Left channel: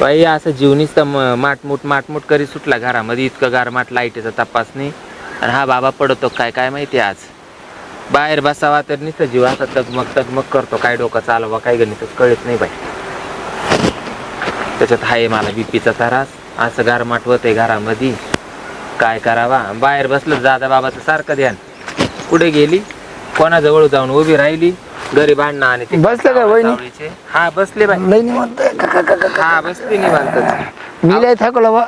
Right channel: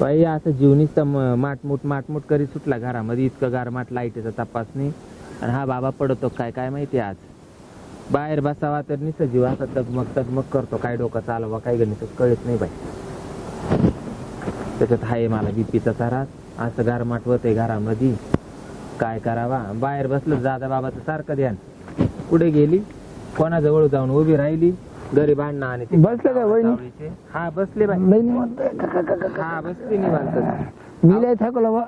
बाई असं जीवनीच तर माटमूट माटमूट करी सुटला घरामध्ये. इतकं गारमाट लाईटीचा तपास नाही. आणि हा बाबा पडतो काय काय माहिती आज? बाहेर बसावा तर नुसतं जीव असा तगमग तगमग करतो. काय डोकं चालवा काय गणित कळत नाही बाई. त्याच्यात आहे मला बीपीचा त्रास. असं गारमाट होतंय घरामध्ये. काय करावा? बाहेर बसलं दादा बाबाचं सारखं ध्यान. कुठे गेली? कोणाजवळ जाऊन उभी राहिली? घरी भांडणं आणि ते बसले का वहिनी? सावळीचे. हा बसले बाई. लई निवांत आहे. का- का- का- का- का- हा बसली निवांतच. मी लय थकलो बा.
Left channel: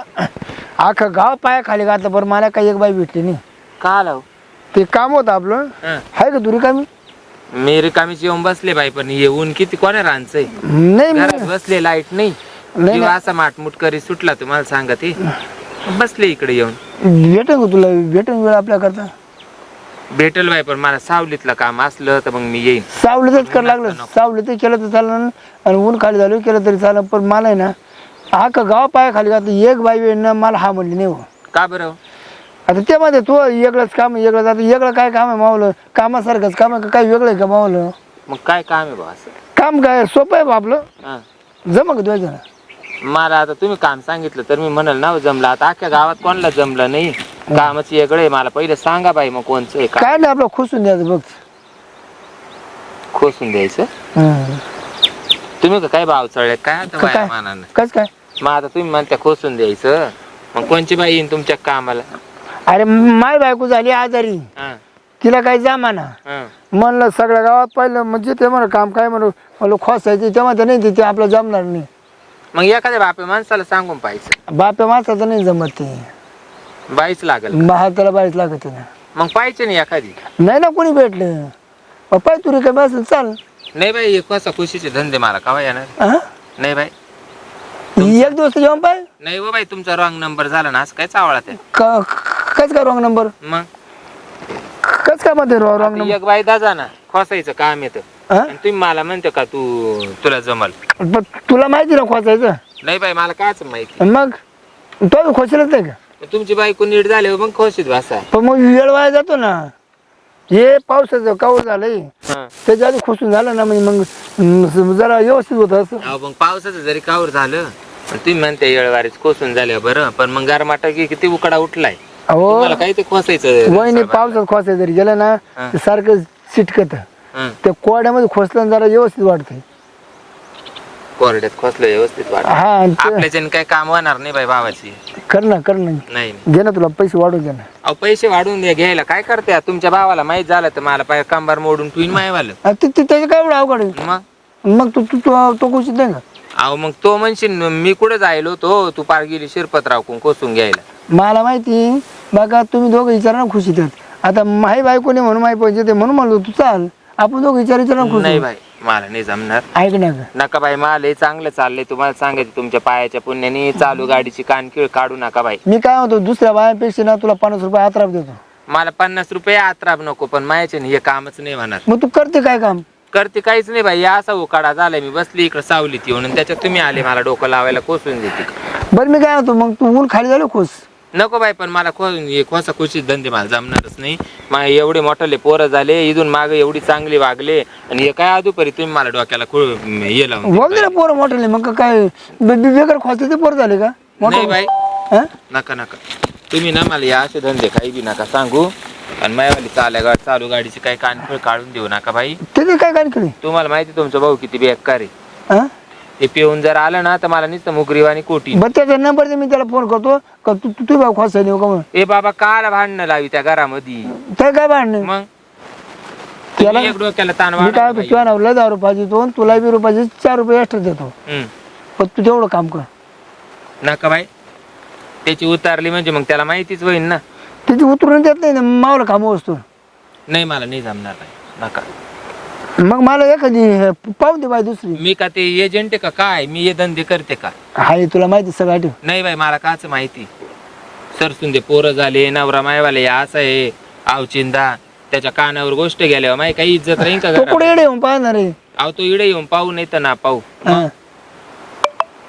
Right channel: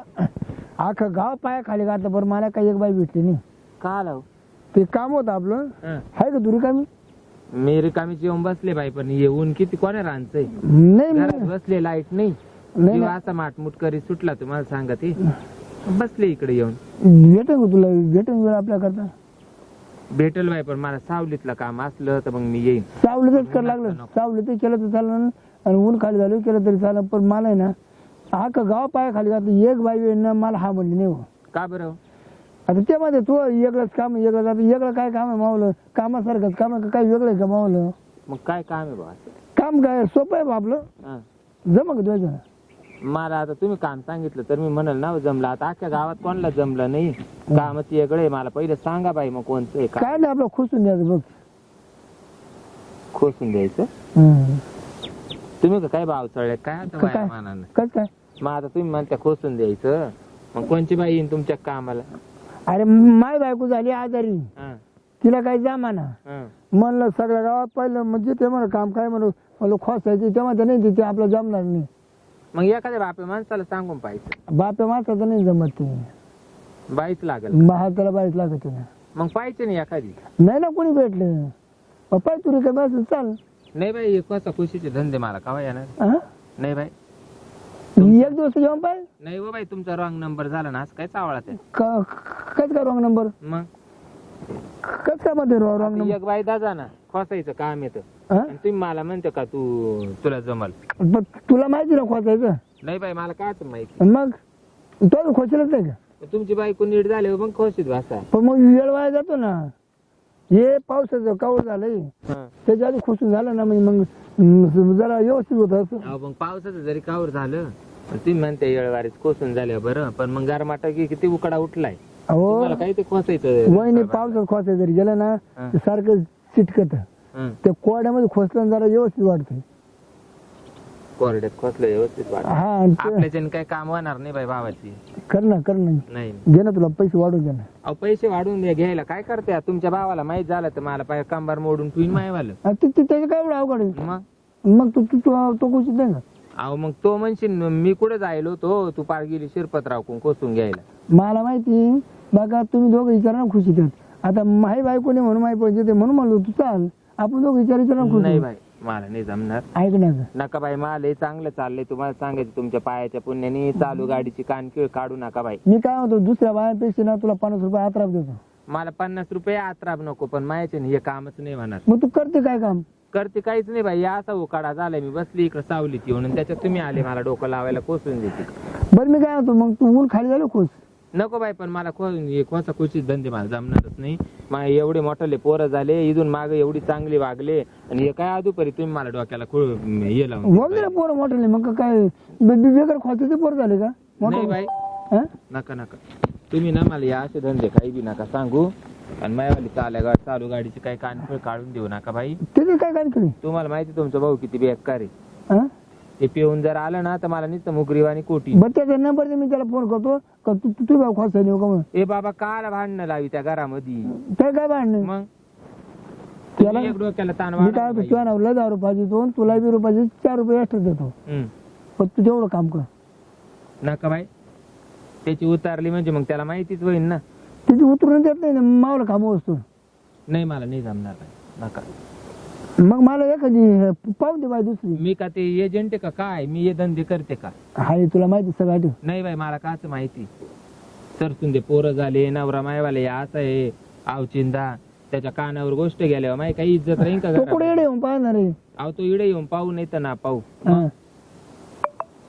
अख्खं गाव पाया खाली घातलं पण मला काही एक बाई भेटली नाही. का आलो ते काम होतं आपलं. आहे का तुरी कामी? मी रिकामीच येऊन बसले बाई पण हे ऊन किती कोणा रांचंय नाही मी- बसले लाइट नाही. नाही, जीव. असा माटमुट करी सुटला तुम्हाला सांगा ते बसले इकडे येऊन. भेटेन का तुला? भेटेन वेळ आपल्या करता भेटेल बाई पण मला सावलीतलं काम असलं तर मग मी येईन. सावलीतच कर लागलं. सावलीत केलं तर चाललं आणि ऊन खाली झालं केलं तरी चालेल पण मला आहे ना अख्खं गाव पाया खाली घातलं एक बाई वेळ मला हा म्हणली नाही हो. का बरं? आता ते मध्ये तू वेगळंच काम आहे, वेगळं आता वेगळं काय काम आहे मावलं? कामासारखंच काम आहे का? काही वेगळं आहे का मावलं? मग काय काम आहे बा असं? काम काय? सोपं आहे बा आपलं. हा. जमा का तुझ्या मला आता तुम्ही काम सांगितलं तर मी म्हणाल ना जमलं. आता अख्ख्या गावात कोणाला जमलं नाही? कामच वेगळं आहे. मला पहिले सांगा बाई मग कोणचं आहे का काय नाही आपलं खुसून द्यायचं बघ. खोसून द्यायचं? हम्म. तुम्ही का काय भाव चढले काय आता का- बाया काय? मानानं? कस काय? मग आता तुम्ही म्हणता खोसून द्यायचं. मग कोणची बाई येईन तुमच्या कामाला? अरे माय बायको झाली आजारी. हा, तिला काही जमाना. हा. म्हणलं सगळ्या गावात पाहिलं म्हणजे ते म्हणा काम काय म्हणू म्हणलं खोसायचे तेव्हा ते नाही ते आपलं जमणार नाही. मग एखाद्या बापे माणसाला सांगून पाहिजे बाप्या माणसाचं नाही जमत ते. बाईच लागल महा त्याला बाईच लागत ना मग पाहिजे नाही एखादी. नाही ना कोणी भेटलं. मग पाय तुरी काय बसेल चाल. नाही बाई एक वाजता खुशीचे धंदे मला कवा येणार? हा? नाही बाई. एक दिवस जेवण पाय. नाही हो बाई तुमचा रॉंग नंबर झाला ना असं काय चावळा ते क- कस काय रॉंग नंबर मग? कस काय मध्ये रॉंग नंबर एक बाई दाजा ना खोसायचं काम येतं हा? आणि तुम्ही मला म्हणते का तू तुला जमल? पण तुला माहिती ना खोचायचं नाही बाई मला कायच माहिती. आणि मग? तो खोचलच नाही का? तुमची बायको नीट झाली मग खोशीत बसा. पण मग वेळ वाया जातो ना. हे पावसाचं काऊर झालंय. त्याच्या आधी खुसून झालं ना म्हणजे मग जरा व्यवस्थित होत असं. अहो मग पावसाचं जरी कावर झालं तुम्ही म्हणते येळवारीच कोसून झाले बरं. पण मग गारमाटा की किती उकडा उठलाय? अहो तुम्हाला ते खोसायचं वहिनी पावसात खोसायचं जरी गेलं ना. ते सारखं चिटकत. हं. त्या कोड्यामध्ये खोसलं ना जरा व्यवस्थित वाटतंय कोरड्यात खोसलं व्यवस्थित वाट हा आणि ते- आपल्याच्याने काही काम होणार नाही बाई भावाची कर ना कर ना. नाही घे ना तुला पैसे वाढवून दे ना. अहो पैसे वाढवून द्या घ्यायला काय करते? तुमच्या भावाला माहीत झालं तर मला पाय कंबार मोडून ट्विन मायवालं. अ, ते ते- त्याचं काय एवढं अवघड आहे? मग? मग तू तू तू- तो खुशीत नाही का अहो मग तो म्हणशील मी कुठे जायलो तो तू पार गेली शिरपतराव कोण कोसून घ्यायला. मला माहिती बघा तुम्ही दोघं विचारा ना खुशीत आहेत. आता माही बायको नाही म्हणून माही पैसे ते म्हणून म्हणलो तू चाल. आपण दोघं विचार विचार ना नाही खुशी बाई मला नाही जमणार. ऐक ना गं. नका बाई मला लय चांगलं चाललंय. तुम्हाला सांगायचं तुमच्या पायाच्या पुण्याने चालू गाडीची कानखीळ काढू नका बाई. मी काय म्हणतो दुसऱ्या बायांपेक्षा ना तुला पन्नास रुपये आत्राप देतो. मला पन्नास रुपये आत्राब नको पण मायाचे हे कामच नाही होणार. मग तू करते काय काम? करते काहीच नाही या असा उकाडा झालाय. मी बसली इकडे सावलीत येऊन आणि त्याच्यात तुम्ही आले मला डोकं लावायला कोसून देते. बरं मी काय म्हणतो मग तू ऊन खाली झालं खुश. नको बाई पण मला खो खुशीत धंदे मला जमणारच नाही. मा एवढे मोठाले पोरं झाले इथून मागे एवढी चांगली वागले आणि हे काय अदुपरी तुम्ही मला डोक्याला खूळ हे लावून पोरं मोठे मग काय बेकार खोचते ते पोरं झाले का. नाही बाई. हा? नका नका. तुम्ही ना मला या असे धंदे काही बी नका सांगू. आणि मायावाली चाल्या गाड चालू गाडीची काही कानफळ काढून देऊ नका बाई. त्याचे काय काय केली तुम्हाला माहिती तुमचा भाऊ किती बेकार आहे. हा? ते पिऊन जर आलं ना तर मला नुसतं मुगरीवाणी कोटी. बरं त्याचा नंबर दे मी त्याला फोन करतो. का तू तू तू भाऊ खोसा नेऊ का म्हणून? ए बाबा काला भांडणं लावी त्या घरामध्ये. काय काय भांडणे? मग? त्याला- तुम्ही एक डोक्याला ताण मी काय वाढवला म्हणतो तुझ्या नावला दहा रुपयाची दोन तुला बी रुपयाचे चार रुपये एक्स्ट्रा देतो. हम्म. पण तू तेवढं काम कर. नका बाई. त्याची उतारली म्हणजे मग त्याला माहितीच होईल ना. तिथे उतरून देत नाही ना मावला काम वस्तू नाही मला नाही जमणार नाही नका. मग मला एखादी हे पाहून दे बाई दुसरी. मी का ते एजंट आहे का? काय? मी हे धंदे करते का? हाय तुला माहिती सगळं आठव. नाही बाई मला काच माहिती. सरसून दे पोरं झाले नवरा मायवाले असं आहे. आवचिंदा त्याच्या कानावर गोष्ट गेल्यावर माही काही इज्जत राहील का तो घरात? कुठे येडे येऊन पाहणार आहे? अहो तो इडे येऊन पाहू नाही तर ना पाहू. हा.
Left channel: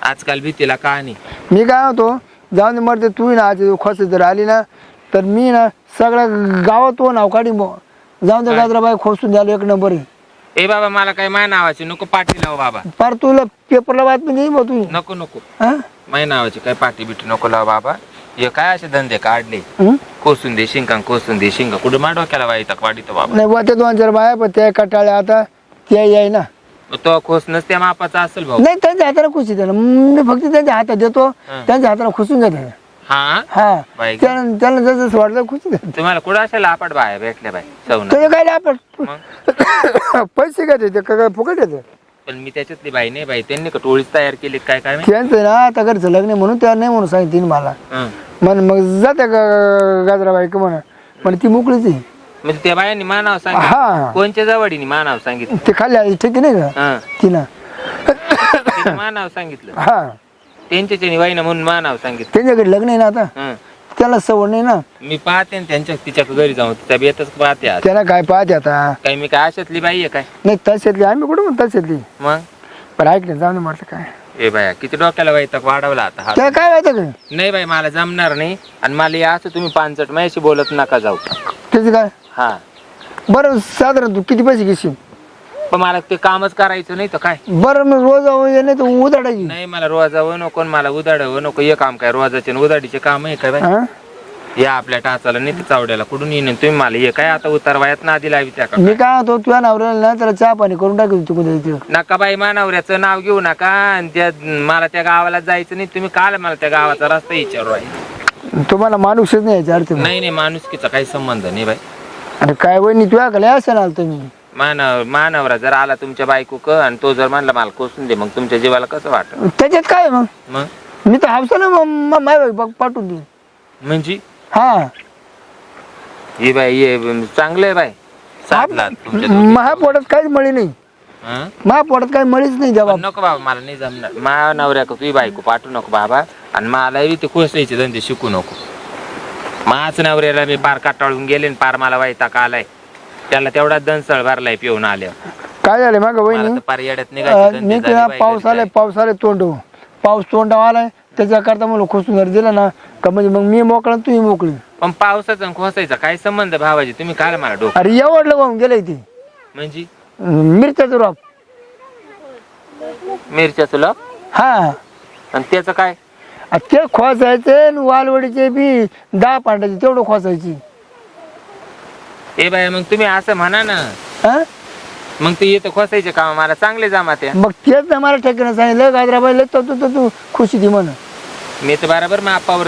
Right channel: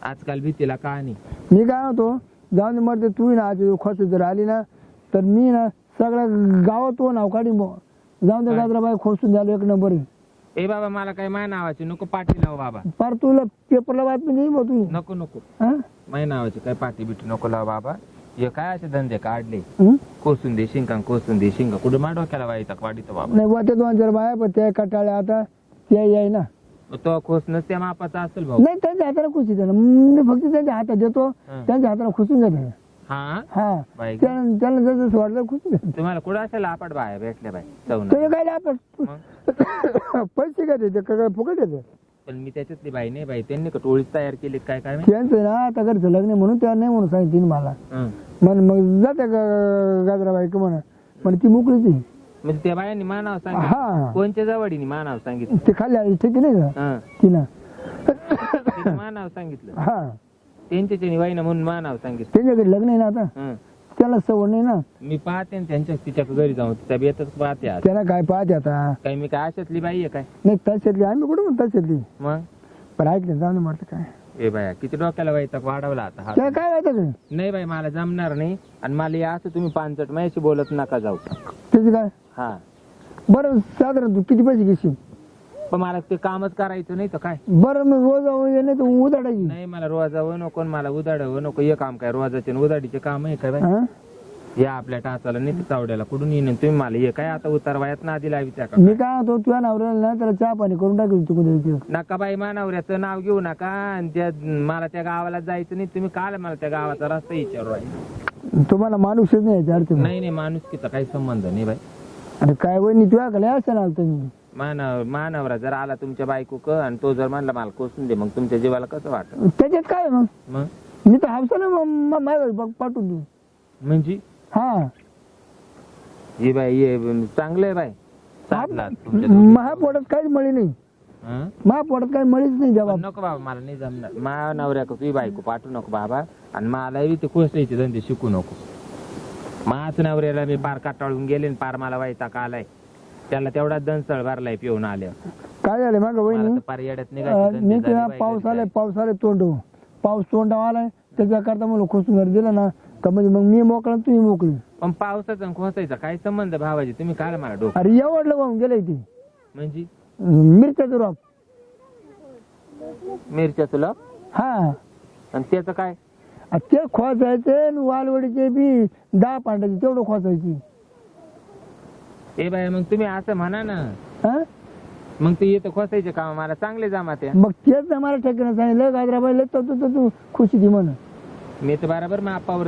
आजकाल भीतीला का नाही मी काय होतो जाऊन दे मरते तू ना आज खोस जर आली ना तर मी ना सगळ्या गावात तो नाव बुवा. जाऊन दे गाजराबाई खोसून द्यायला एक नंबर आहे. ए बाबा मला काय माय नावाची नको पाठी लाव बाबा. फार तुला पेपरला बातमी नाही मग तू नको नको. हा? माय नावाची काय पाठी बिठी नको लाव बाबा. हे काय असे धंदे काढले? हं? कोसून दे शिंका कोसून दे शिंका कुठे मा डोक्याला वाईट वाढीतो बाबा? नाही ते दोन चार बाया पण त्या कटाळ्या आता त्या याय ना. तो खोसनच त्या मापाचा असेल भाऊ. नाही त्यांच्या हाताला खुशी द्या मी फक्त त्यांच्या हातात देतो. त्यांच्या हाताला खुसून घेते हा? हा. बाई गं. त्याला त्याला जसं वाटलं खुशी द्या तुम्हाला कुठं असेल आपट बाया भेटल्या बाई त्याचे काय आपण पैसे काय देते? का काय फुकट येते पण मी त्याच्यातली बाई नाही बाई त्यांनी का टोळीच तयार केली काय काय माहिती? त्यांचं ना आता घरचं लग्न आहे म्हणून त्या नाही म्हणून सांगितलं मला. हं. म्हण मग जाते गाजराबाई का म्हणा. पण ती मोकळीच आहे. म्हणजे त्या बायांनी मानाव सांगितलं? हा. कोणच्या जवळीने मानाव सांगितलं? ते खाली आली ठीक आहे नाही का? हं. तिनं. तिने मानाव सांगितलं? हा. त्यांच्याच्या वाईनं म्हणून मानाव सांगितलं. त्यांच्याकडे लग्न आहे ना आता? हं. त्याला सवड नाही ना? मी पाहते ना त्यांच्या तिच्या घरी जाऊन तिच्या बेतच पाहते आज. त्याला काय पाहते आता? काही मी काय अशातली बाई आहे काय? नाही तशातली. आम्ही कुठं म्हणतो तशातली? मग? पण ऐक ना जाऊन म्हटलं काय? ए बाया किती डोक्याला वाईट वाढवला आता हा. त्याला काय माहिती नाही बाई मला जमणार नाही. आणि मला या असं तुम्ही पानचट माझ्याशी बोलत नका जाऊ. त्याचं काय? हा. बरं साधारण तू किती पैसे घेशील? पण मला ते कामच करायचं नाही तर काय? बरं मग रोज नाही तर उदाडायची नाही मला रोजावं नको आणि मला उदाडावं नको. हे काम काय रोजाचे आणि उदाडीचे काम आहे काय बाई? हा? या आपल्या टाचाला नाही तर चावड्याला कुठून येईन? तुम्ही मला हे काय आता उतार वयात ना आधी लावी त्या का मी काय होतो तुझ्या नवऱ्याला ना त्याला चहा पाणी करून टाकू तू कुठे नका बाई मानवऱ्याचं नाव घेऊ नका. आणि त्या मला त्या गावाला जायचं नाही. तुम्ही काल मला त्या गावाचा रस्ता विचारू आहे तुम्हाला माणूसच नाही अर्थ. नाही नाही माणुसकीचा काही संबंध नाही बाई. अरे काय वहिनी तुझ्या कडे असं ना तुम्ही. मानव मानवरा जर आला तुमच्या बायको क आणि तो जर म्हणला मला कोसून दे मग तुमच्या जीवाला कसं वाटत त्याच्यात काय मग? मग? मी तर हावसा ना माय पाठवून दे म्हणजे? हा. ही बाई ये चांगलं आहे बाई. साधला तुमच्या दोघी. महापोटात काहीच मळी नाही. हं? महापोटात काही मळीच नाही जबाब. पण नको बाबा मला नाही जमणार. मा नवऱ्या का तुझी बायको पाठवू नको बाबा. आणि मला ते कोसायचे धंदे शिकू नको. माच नवऱ्याला मी पार काटाळून गेले आणि पार मला वाईटाक आलाय. त्याला तेवढा दनसळ भरलाय पिऊन आल्या काय झालं माग मला वहिनी? पार येड्यात अं, निघायचे मी तुला झाले बाई पाऊस घरी आलाय आलाय तोंड. पाऊस तोंडावर आलाय त्याच्याकरता मला खुसून जर दिला ना का म्हणजे मग मी मोकळा आणि तुम्ही मोकळी. पण पावसाचा आणि खोसायचा काय संबंध भावाजी? तुम्ही काय मला डोकं. अरे एवढलं वाहून गेलंय ते. म्हणजे? मिरच्याचं रॉप. मिरच्या तुला हा. आणि त्याचं काय? आ, ते खोसायचे आणि वालवडीचे बी दहा पांडाचे तेवढं खोसायची. ए बाय मग तुम्ही असं म्हणा ना. हा? मग ते येतं खोसायचे काम मला चांगले जमा त्या मग तेच ना मला ठेकणं सांगितलं गाजराबाई लय तू तू तू खुशी दी म्हण मी तर बरोबर मापावर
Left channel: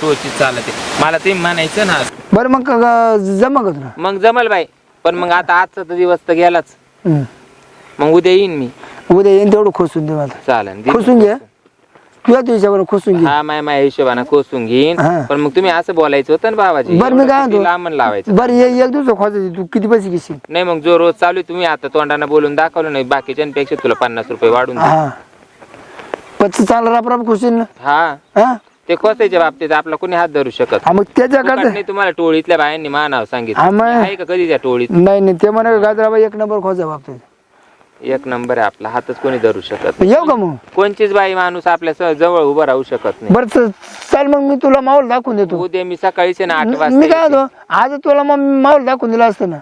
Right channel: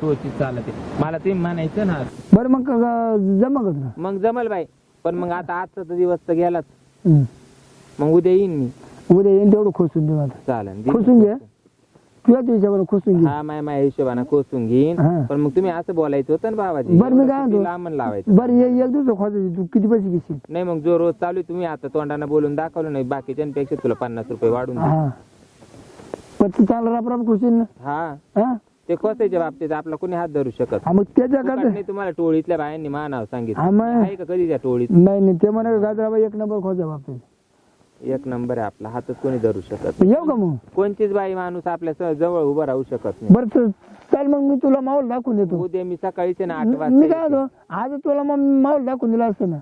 टोची चालते. मला ते म्हणायचं ना. बरं मग क- जमा का तुला मग जमल बाई पण मग आता आजचा तर दिवस तर गेलाच. हम्म. मग उद्या येईन मी. उद्या येईन तेवढं खुसून दे मला. चालेल दे. खुसून घे. तुझ्या तुझ्यावर खुसून घे. हा माय माय हिशोबाने कोसून घेईन. हा. पण मग तुम्ही असं बोलायचं होतं ना बाबाजी. बरं, मी काय म्हणतो? लांबण लावायचं. बरं ये एक दिवस खोसायची तू. किती पैसे घेशील? नाही मग जो रोज चालू आहे, तुम्ही आता तोंडाने बोलून दाखवलं नाही बाकीच्यांपेक्षा तुला पन्नास रुपये वाढून देईन. हा. पच चालला रापराप खुशील ना? हा. हा? ते खोसायच्या बाबतीत आपला कोणी हात धरू शकत हा, मग त्याच्या फुकट करता नाही तुम्हाला टोळीतल्या बायांनी मानाव सांगितलं. आहे का कधी त्या टोळीत? नाही नाही ते म्हणा गाजराबाई एक नंबर खोसा बाबतीत. एक नंबर आहे आपला. हातच कोणी धरू शकत नाही. येऊ का मग? कोणचीच बाई माणूस आपल्या स- जवळ उभं राहू शकत नाही. बरं च- चाल मग मी तुला माहोल दाखवून देतो. उद्या मी सकाळीच आहे ना आठ मी वाजता काय. होतो आज तुला मग माहोल दाखवून दिला असतं ना.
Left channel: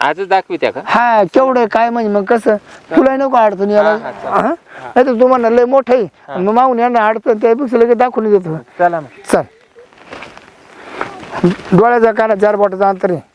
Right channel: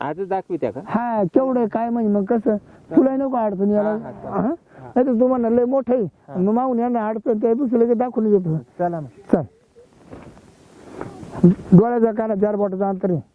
आजच दाखवी त्या का? हा केवढं काय म्हणजे मग कसं? तुला नको अडचण याला हा, हा, चालेल. नाही तर तुम्हाला लय मोठं आहे. मग मागून यांना अडचण त्यापेक्षा लगेच दाखवून देतो. चला मग. चल. डोळ्याचा काना चार बोटाचा अंतर आहे.